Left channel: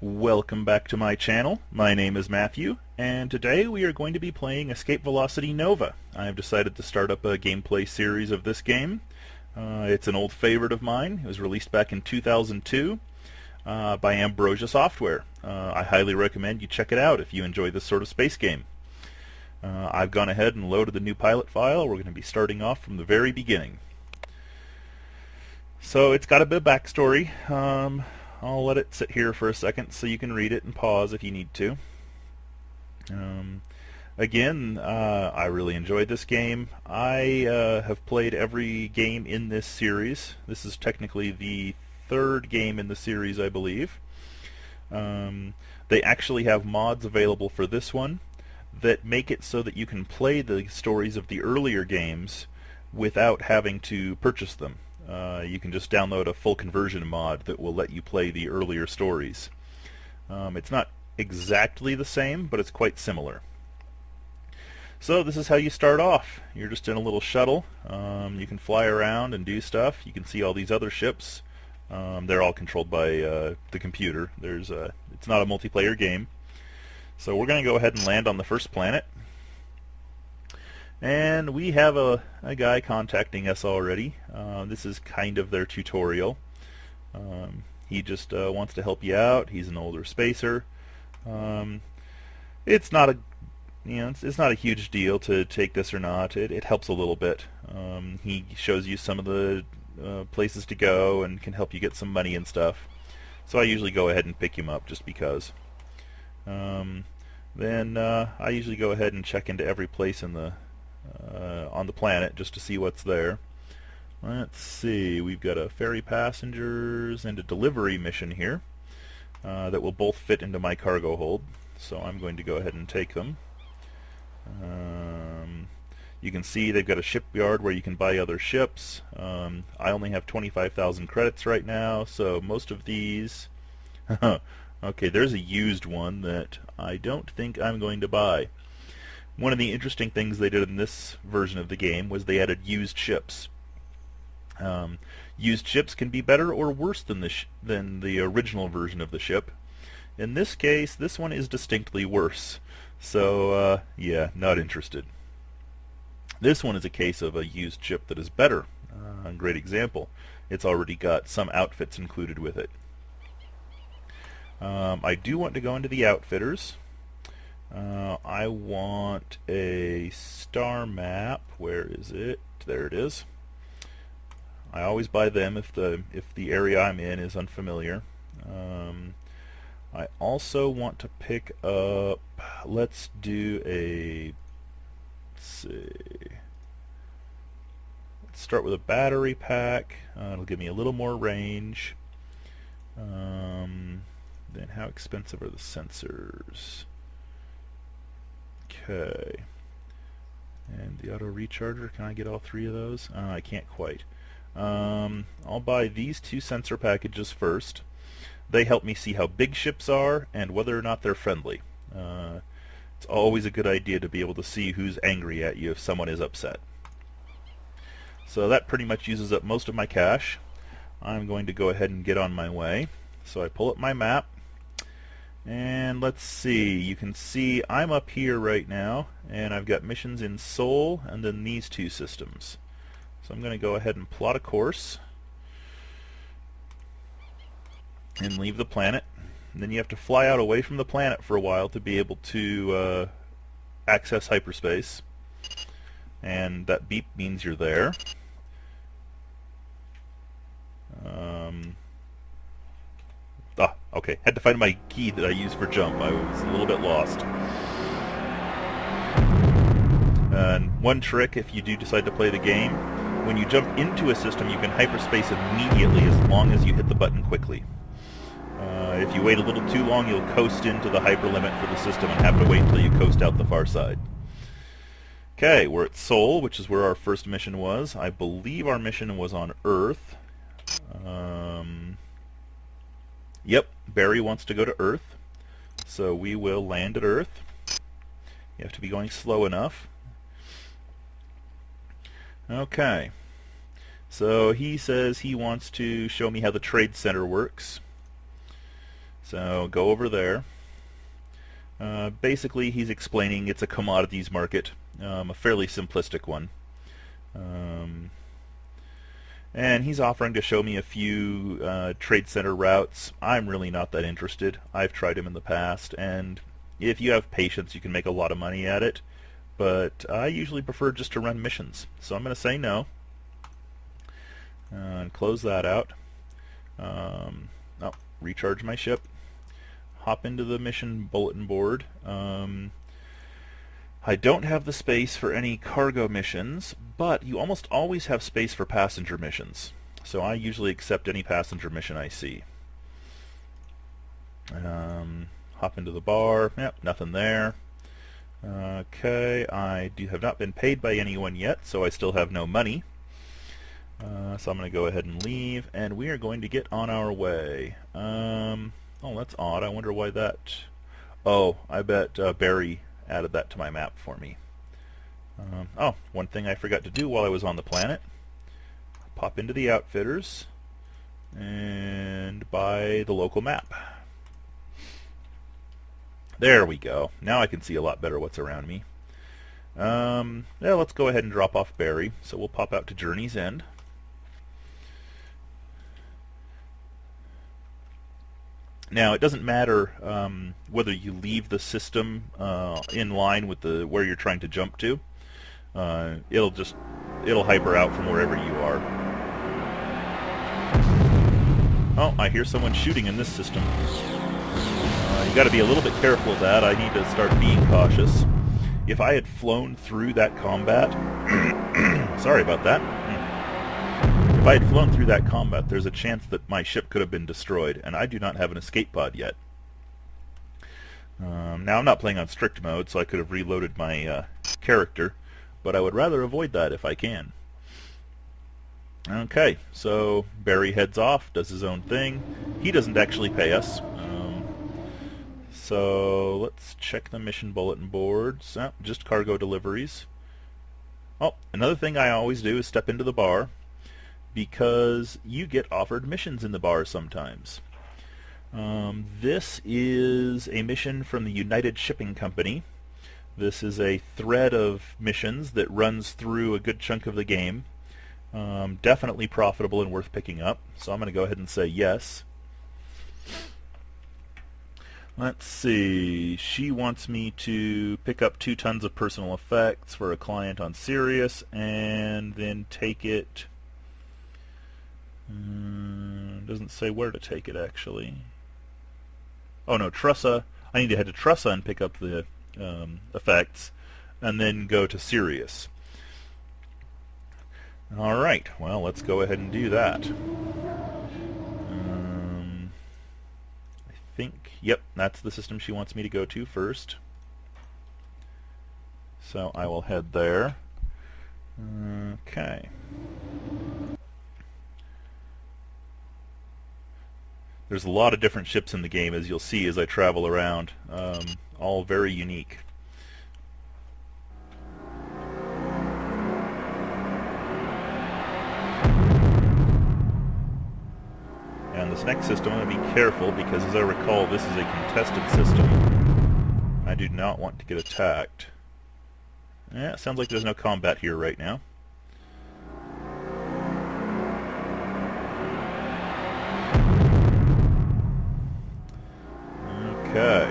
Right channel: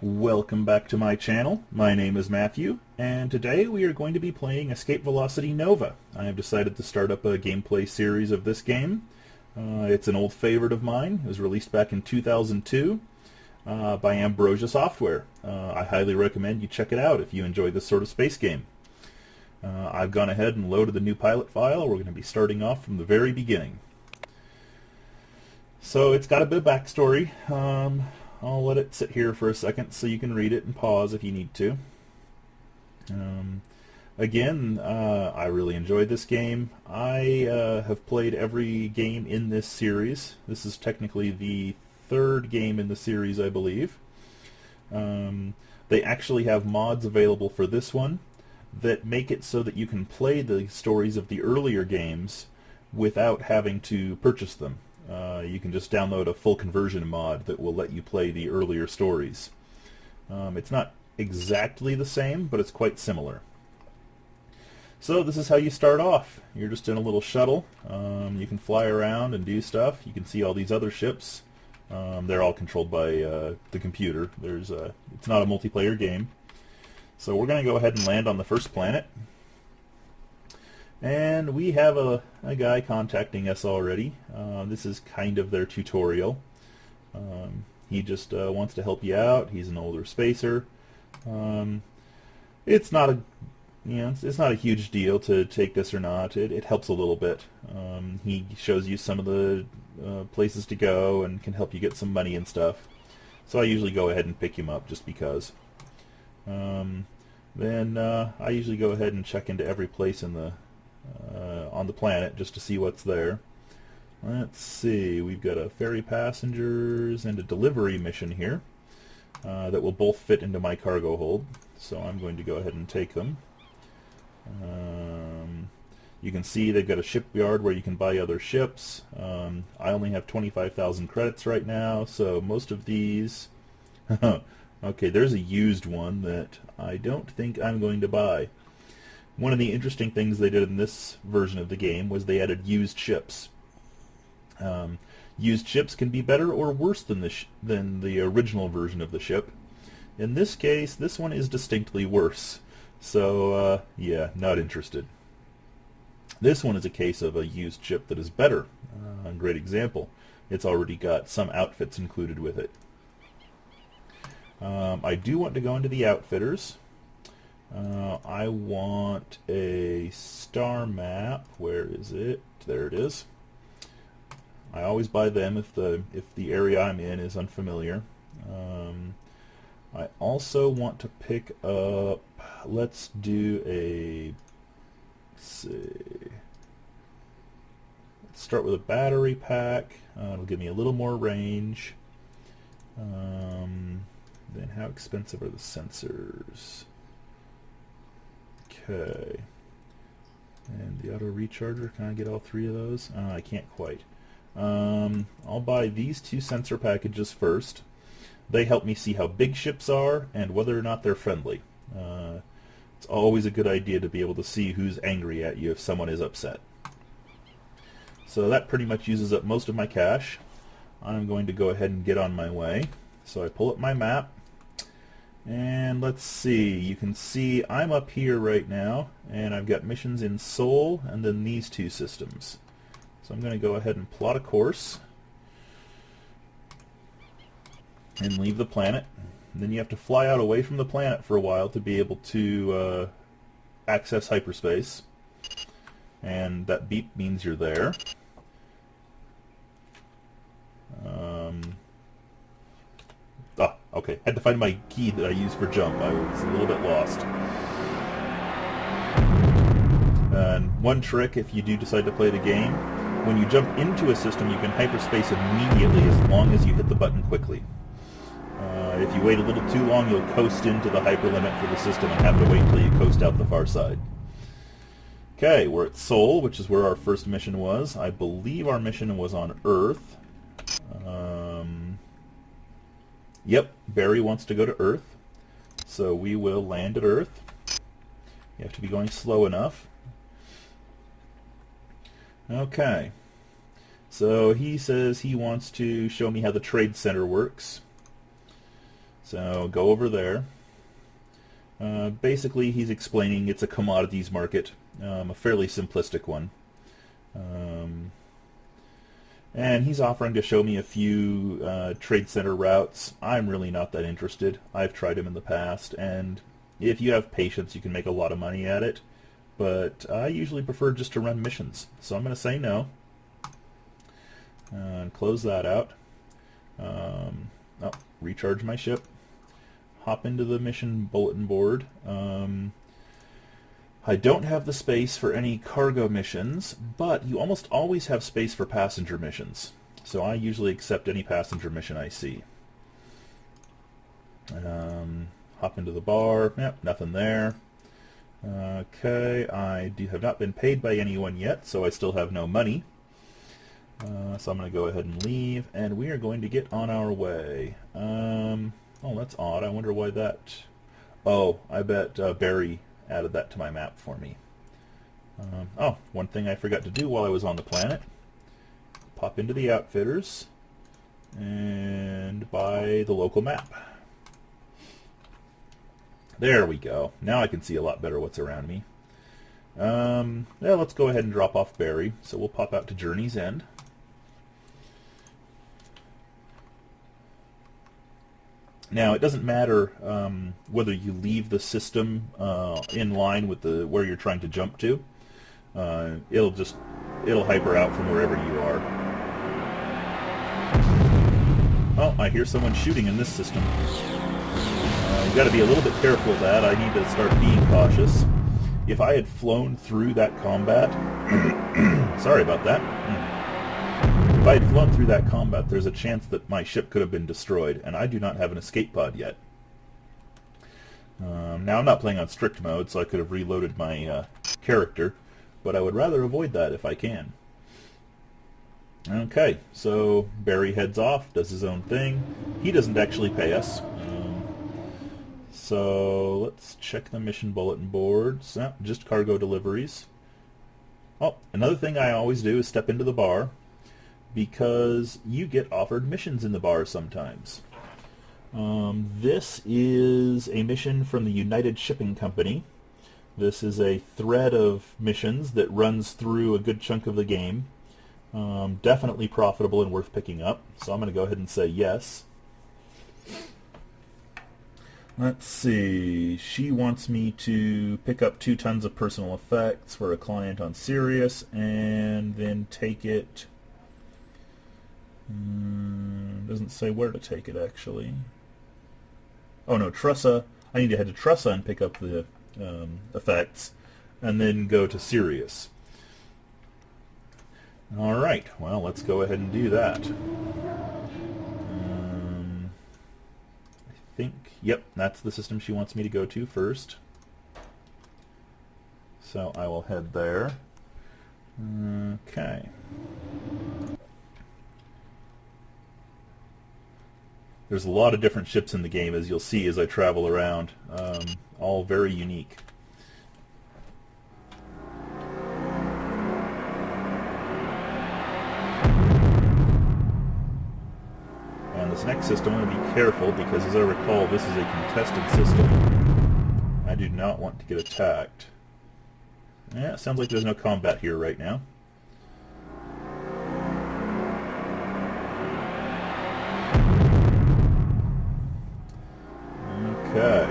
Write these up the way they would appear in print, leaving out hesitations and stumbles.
Welcome back to my channel. My name is Matthew, and today we are going to be playing Escape Velocity Nova. I have decided to start up a gameplay series of this game. It's an old favorite of mine. It was released back in 2002 by Ambrosia Software. I highly recommend you check it out if you enjoy this sort of space game. I've gone ahead and loaded the new pilot file. We're going to be starting off from the very beginning. So it's got a bit of backstory. I'll let it sit here for a second so you can read it and pause if you need to. Again, I really enjoyed this game. I have played every game in this series. This is technically the third game in the series, I believe. They actually have mods available for this one that make it so that you can play the stories of the earlier games without having to purchase them. You can just download a full conversion mod that will let you play the earlier stories. It's not exactly the same, but it's quite similar. So this is how you start off. You're just in a little shuttle. You can fly around and do stuff. You can see all these other ships. They're all controlled by the computer. It's not a multiplayer game. So we're going to go ahead and land on the first planet. And we have a guy contacting us already. This is kind of their tutorial. He just wants to help you out. He's an older spacer. It's not a it's not a huge deal to take this or not. It helps a little bit. He shows you some of the places to go and can help you get some money and stuff. So I usually go ahead and pick him up just because. Then I usually go ahead and check into every place in the on the planet just to see what's there. Let's see, we've got a ferry passengers and a delivery mission here that will both fit into my cargo hold, so I'm going to go ahead and take them. You can see they've got a shipyard where you can buy other ships. I only have 25,000 credits right now, so most of these okay, there's a used one that I don't think I'm going to buy. One of the interesting things they did in this version of the game was they added used ships. Used ships can be better or worse than the original version of the ship. In this case, this one is distinctly worse. So, yeah, not interested. This one is a case of a used ship that is better. A great example. It's already got some outfits included with it. I do want to go into the outfitters. I want a star map. Where is it? There it is. I always buy them if the area I'm in is unfamiliar. I also want to pick up. Let's do a. Let's see. Let's start with a battery pack. It'll give me a little more range. Then how expensive are the sensors? Okay. And the auto recharger, can I get all three of those? I can't quite. I'll buy these two sensor packages first. They help me see how big ships are and whether or not they're friendly. It's always a good idea to be able to see who's angry at you if someone is upset. So that pretty much uses up most of my cash. I'm going to go ahead and get on my way. So I pull up my map. And let's see, you can see I'm up here right now, and I've got missions in Seoul and then these two systems. So I'm going to go ahead and plot a course and leave the planet. And then you have to fly out away from the planet for a while to be able to access hyperspace. And that beep means you're there. Okay, had to find my key that I use for jump. I was a little bit lost. And one trick, if you do decide to play the game, when you jump into a system, you can hyperspace immediately as long as you hit the button quickly. If you wait a little too long, you'll coast into the hyperlimit for the system and have to wait until you coast out the far side. Okay, we're at Seoul, which is where our first mission was. I believe our mission was on Earth. Yep, Barry wants to go to Earth, so we will land at Earth. You have to be going slow enough. Okay, so he says he wants to show me how the trade center works. So go over there. Basically, he's explaining it's a commodities market, a fairly simplistic one. And he's offering to show me a few trade center routes. I'm really not that interested. I've tried him in the past, and if you have patience, you can make a lot of money at it. But I usually prefer just to run missions. So I'm going to say no. And close that out. Recharge my ship. Hop into the mission bulletin board. I don't have the space for any cargo missions, but you almost always have space for passenger missions. So I usually accept any passenger mission I see. Hop into the bar. Yep, nothing there. Okay, I have not been paid by anyone yet, so I still have no money. So I'm going to go ahead and leave, and we are going to get on our way. Oh, that's odd. I wonder why that... Oh, I bet Barry added that to my map for me. One thing I forgot to do while I was on the planet. Pop into the Outfitters and buy the local map. There we go. Now I can see a lot better what's around me. Let's go ahead and drop off Barry. So we'll pop out to Journey's End. Now, it doesn't matter whether you leave the system in line with where you're trying to jump to. It'll hyper out from wherever you are. Oh, I hear someone shooting in this system. I've got to be a little bit careful of that. I need to start being cautious. If I had flown through that combat... Sorry about that. If I had flown through that combat, there's a chance that my ship could have been destroyed, and I do not have an escape pod yet. Now, I'm not playing on strict mode, so I could have reloaded my character, but I would rather avoid that if I can. Okay, so Barry heads off, does his own thing. He doesn't actually pay us. So let's check the mission bulletin boards. Just cargo deliveries. Oh, another thing I always do is step into the bar, because you get offered missions in the bar sometimes. This is a mission from the United Shipping Company. This is a thread of missions that runs through a good chunk of the game. Definitely profitable and worth picking up, so I'm going to go ahead and say yes. Let's see, she wants me to pick up 2 tons of personal effects for a client on Sirius, and then take it... doesn't say where to take it, actually. Oh no, Trussa. I need to head to Trussa and pick up the effects, and then go to Sirius. Alright, well, let's go ahead and do that. I think, yep, that's the system she wants me to go to first. So I will head there. Okay. There's a lot of different ships in the game, as you'll see as I travel around, all very unique. And this next system, I'm going to be careful, because as I recall, this is a contested system. I do not want to get attacked. Yeah, it sounds like there's no combat here right now. Okay.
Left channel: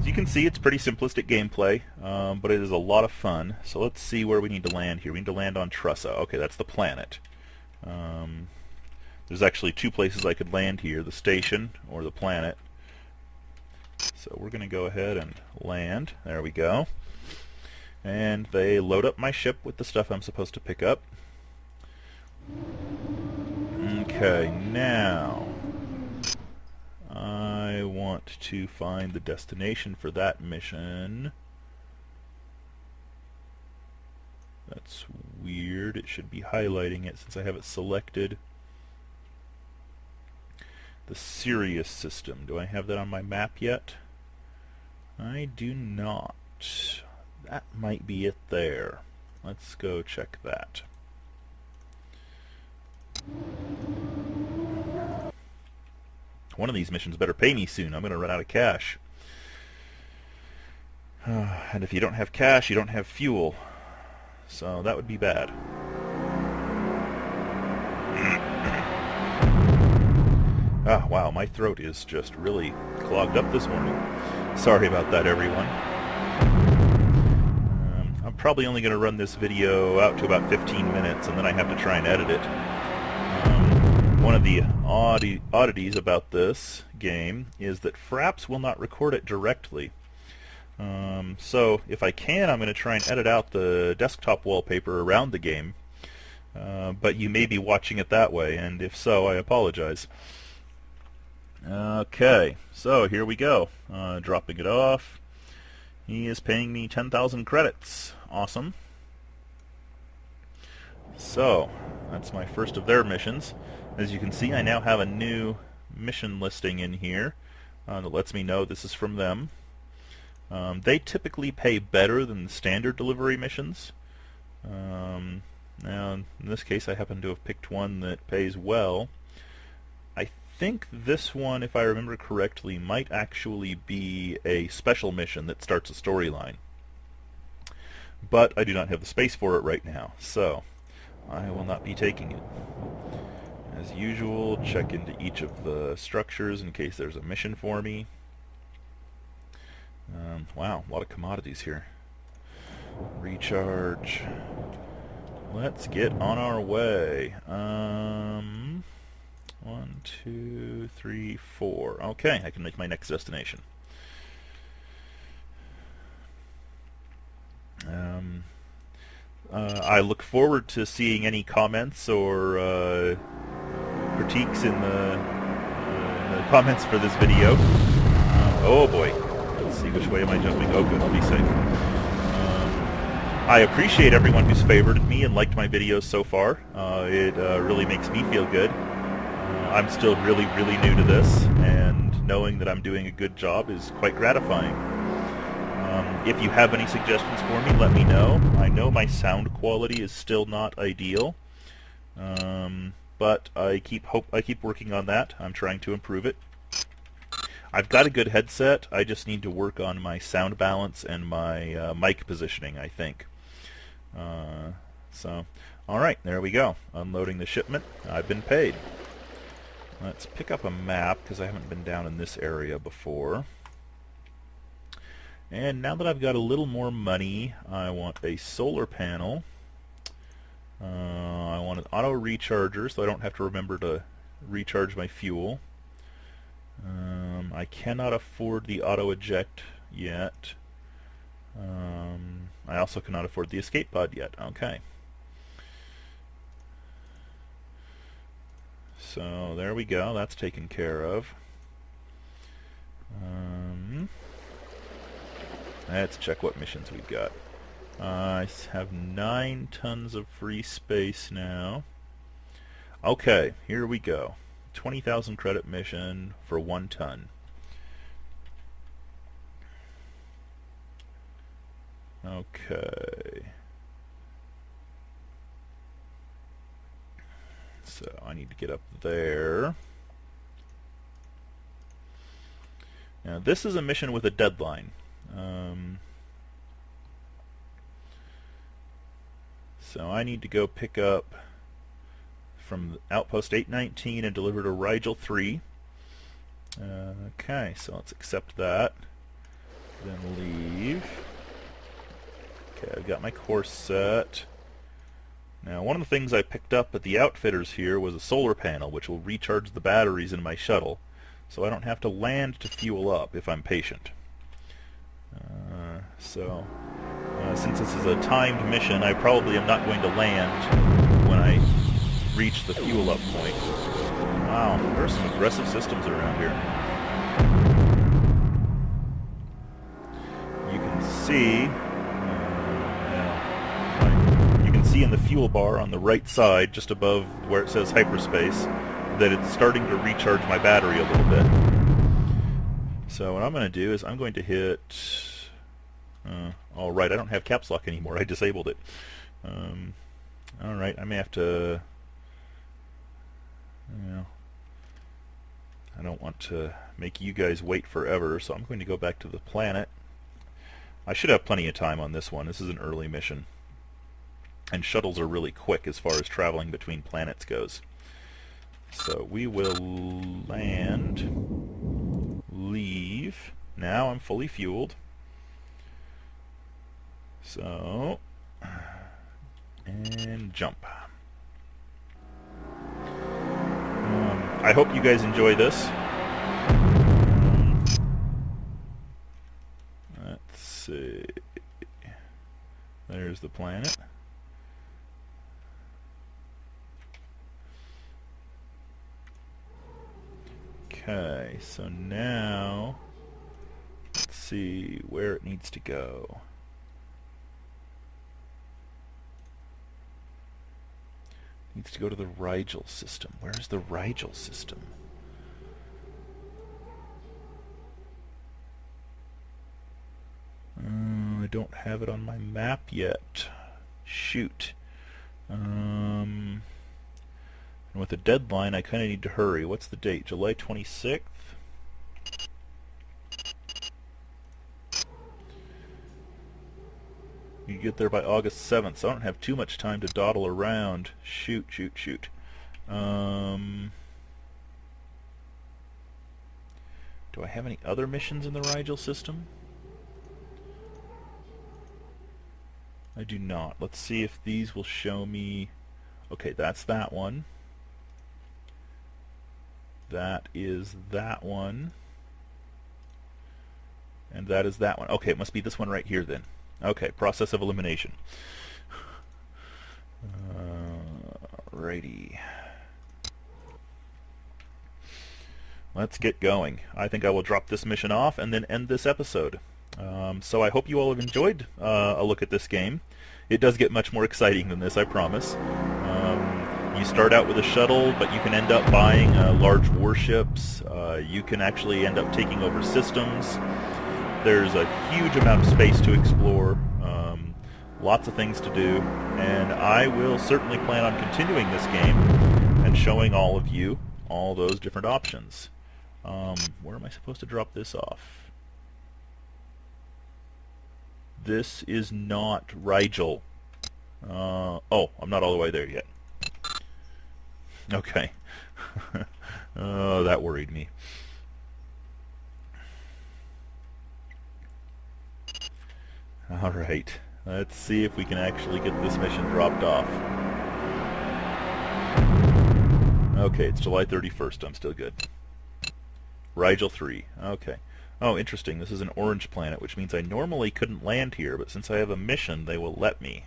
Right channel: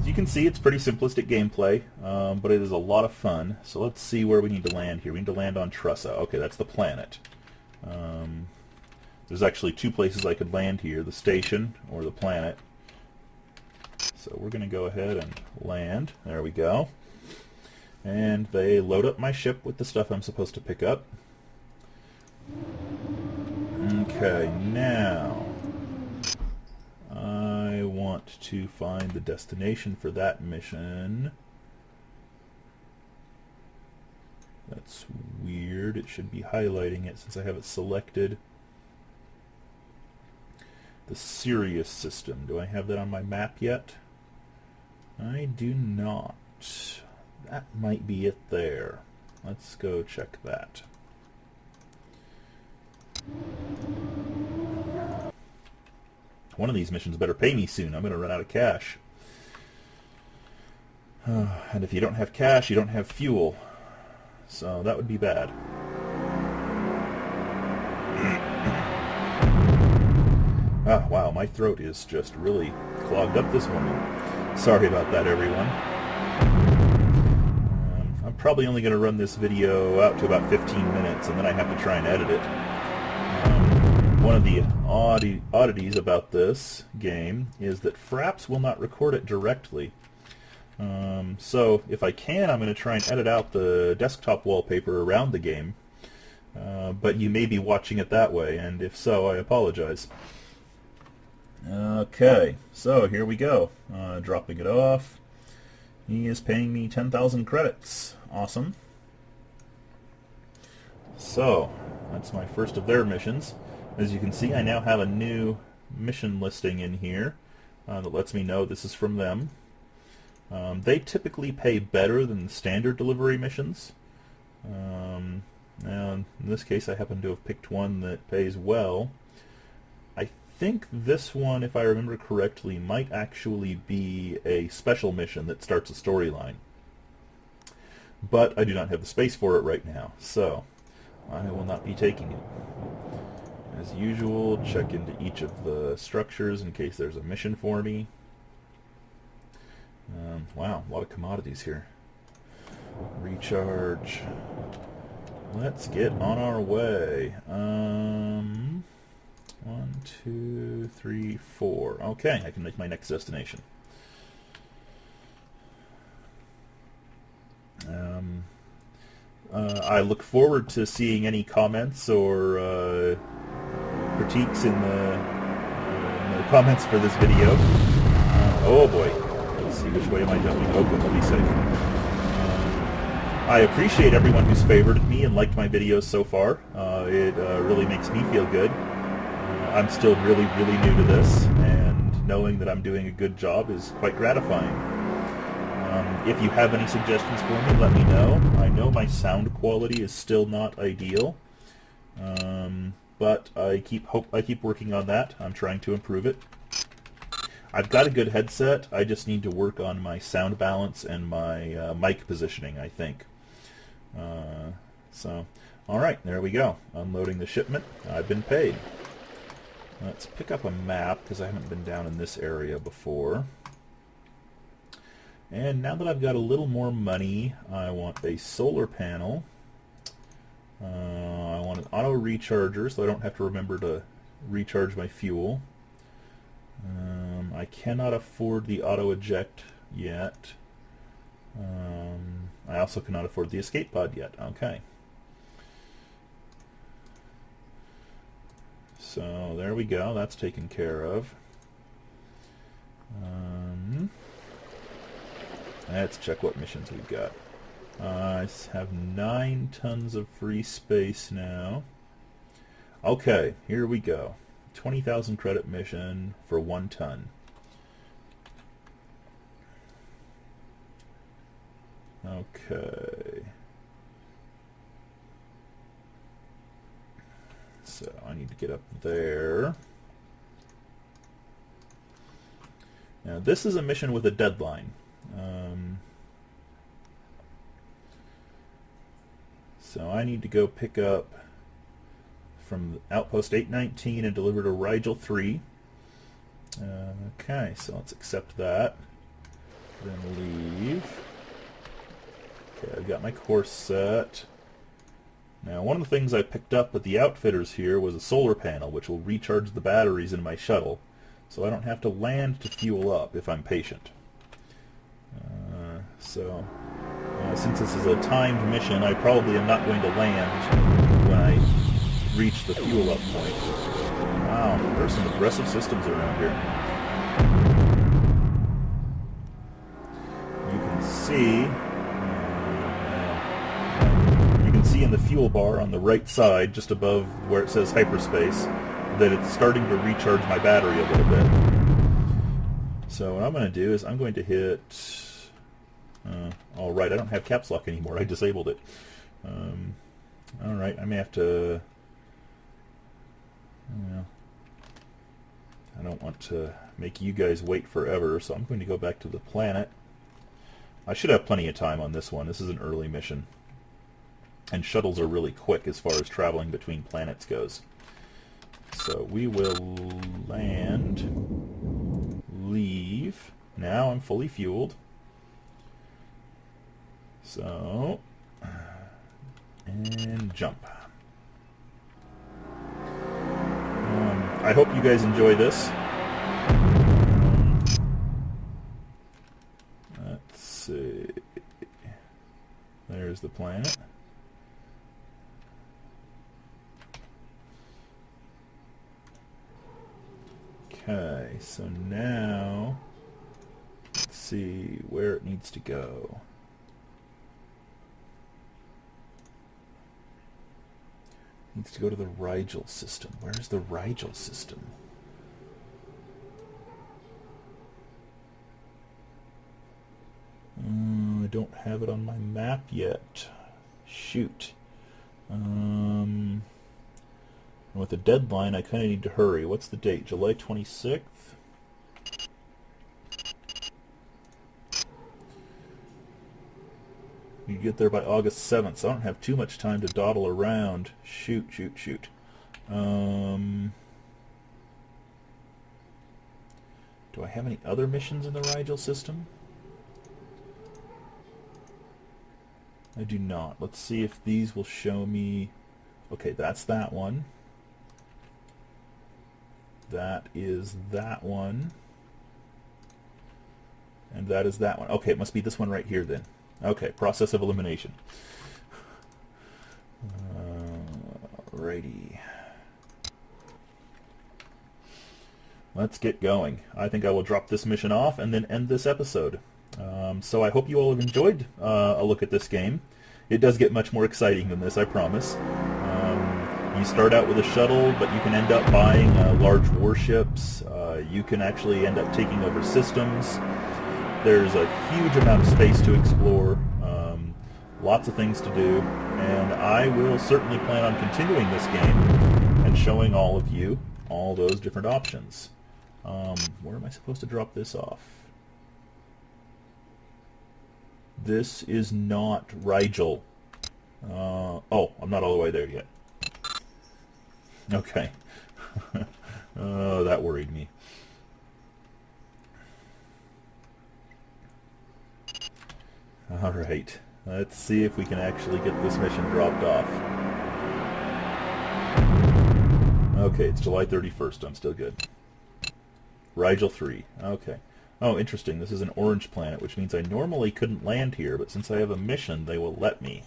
As you can see, it's pretty simplistic gameplay, but it is a lot of fun. So let's see where we need to land here. We need to land on Trussa. Okay, that's the planet. There's actually 2 places I could land here, the station or the planet. So we're going to go ahead and land. There we go. And they load up my ship with the stuff I'm supposed to pick up. Okay, now I want to find the destination for that mission. That's weird. It should be highlighting it since I have it selected. The Sirius system. Do I have that on my map yet? I do not. That might be it there. Let's go check that. one of these missions better pay me soon. I'm going to run out of cash. And if you don't have cash, you don't have fuel. So that would be bad. Ah, wow, my throat is just really clogged up this morning. Sorry about that, everyone. I'm probably only going to run this video out to about 15 minutes, and then I have to try and edit it. One of the oddities about this game is that Fraps will not record it directly. So if I can, I'm going to try and edit out the desktop wallpaper around the game. But you may be watching it that way, and if so, I apologize. Okay, so here we go. Dropping it off. He is paying me 10,000 credits. Awesome. So, that's my first of their missions. As you can see, I now have a new mission listing in here that lets me know this is from them. They typically pay better than the standard delivery missions. Now, in this case, I happen to have picked one that pays well. I think this one, if I remember correctly, might actually be a special mission that starts a storyline. But I do not have the space for it right now, so I will not be taking it. As usual, check into each of the structures in case there's a mission for me. Wow, a lot of commodities here. Recharge. Let's get on our way. 1, 2, 3, 4. Okay, I can make my next destination. I look forward to seeing any comments or critiques in the comments for this video. Oh boy. Let's see, which way am I jumping? Oh, good, I'll be safe. I appreciate everyone who's favorited me and liked my videos so far. It really makes me feel good. I'm still really new to this, and knowing that I'm doing a good job is quite gratifying. If you have any suggestions for me, let me know. I know my sound quality is still not ideal, but I keep working on that. I'm trying to improve it. I've got a good headset. I just need to work on my sound balance and my mic positioning, I think. So, all right, there we go. Unloading the shipment. I've been paid. Let's pick up a map because I haven't been down in this area before. And now that I've got a little more money, I want a solar panel. I want an auto recharger so I don't have to remember to recharge my fuel. I cannot afford the auto eject yet. I also cannot afford the escape pod yet. Okay. So there we go. That's taken care of. Let's check what missions we've got. I have 9 tons of free space now. Okay, here we go. 20,000 credit mission for 1 ton. Okay. So I need to get up there. Now this is a mission with a deadline. So I need to go pick up from Outpost 819 and deliver to Rigel 3. Okay, so let's accept that. Then leave. Okay, I've got my course set. Now, one of the things I picked up at the outfitters here was a solar panel, which will recharge the batteries in my shuttle, so I don't have to land to fuel up if I'm patient. Since this is a timed mission, I probably am not going to land when I reach the fuel up point. Wow, there are some aggressive systems around here. You can see in the fuel bar on the right side, just above where it says hyperspace, that it's starting to recharge my battery a little bit. So what I'm going to do is I'm going to hit... all right, I don't have caps lock anymore. I disabled it. All right, I may have to... I don't want to make you guys wait forever, so I'm going to go back to the planet. I should have plenty of time on this one. This is an early mission. And shuttles are really quick as far as traveling between planets goes. So we will land, leave. Now I'm fully fueled. So, and jump. I hope you guys enjoy this. Let's see. There's the planet. Okay, so now let's see where it needs to go. Needs to go to the Rigel system. Where's the Rigel system? I don't have it on my map yet. Shoot. With a deadline, I kind of need to hurry. What's the date? July 26th? You get there by August 7th, so I don't have too much time to dawdle around. Shoot. Do I have any other missions in the Rigel system? I do not. Let's see if these will show me... Okay, that's that one. That is that one. And that is that one. Okay, it must be this one right here then. Okay, process of elimination. Righty. Let's get going. I think I will drop this mission off and then end this episode. So I hope you all have enjoyed a look at this game. It does get much more exciting than this, I promise. You start out with a shuttle, but you can end up buying large warships. You can actually end up taking over systems. There's a huge amount of space to explore, lots of things to do, and I will certainly plan on continuing this game and showing all of you all those different options. Where am I supposed to drop this off? This is not Rigel. Oh, I'm not all the way there yet. Okay. Oh, that worried me. All right. Let's see if we can actually get this mission dropped off. Okay, it's July 31st. I'm still good. Rigel 3. Okay. Oh, interesting. This is an orange planet, which means I normally couldn't land here, but since I have a mission, they will let me.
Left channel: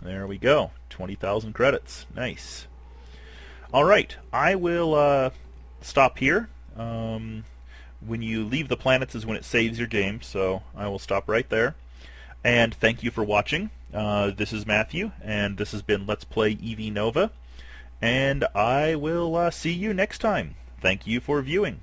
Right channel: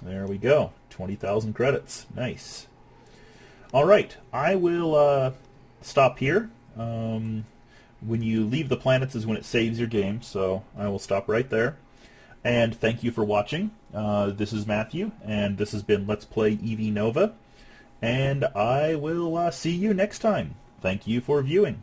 There we go. 20,000 credits. Nice. All right. I will stop here. When you leave the planets is when it saves your game, so I will stop right there. And thank you for watching. This is Matthew, and this has been Let's Play EV Nova. And I will see you next time. Thank you for viewing.